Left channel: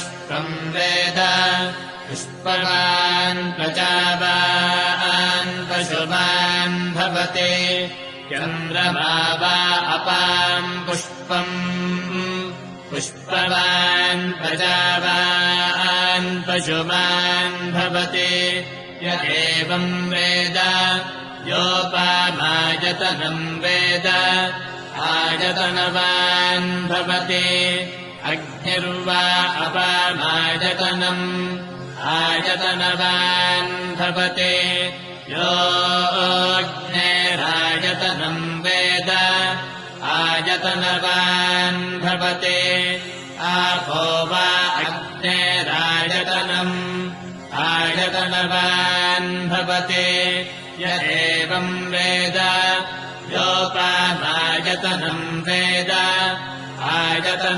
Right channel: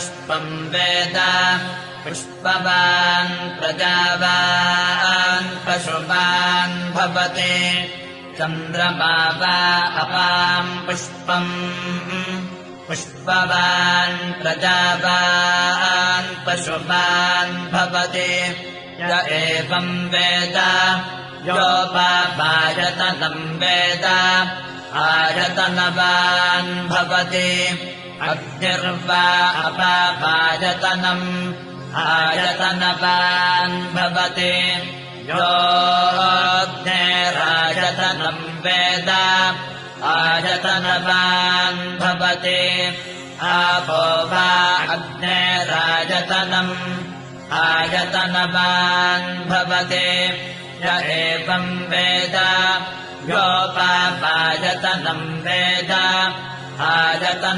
पुष्पम् वेद पुष्पवान् प्रजावान् पशुवान् भवते चन्द्रमा वा अपाम् पुष्पम् पुष्पवान् प्रजावान् पशुवान् भवते य एवम् वेद योपामायतनम् वेद आयतनवान् भवति अग्निर्वा अपामायतनम् आयतनवान् भवति योऽग्नेरायतनम् वेद आयतनवान् भवति आपो वा अग्नेरायतनम् आयतनवान् भवति य एवम् वेद योपामायतनम् वेद आयतनम्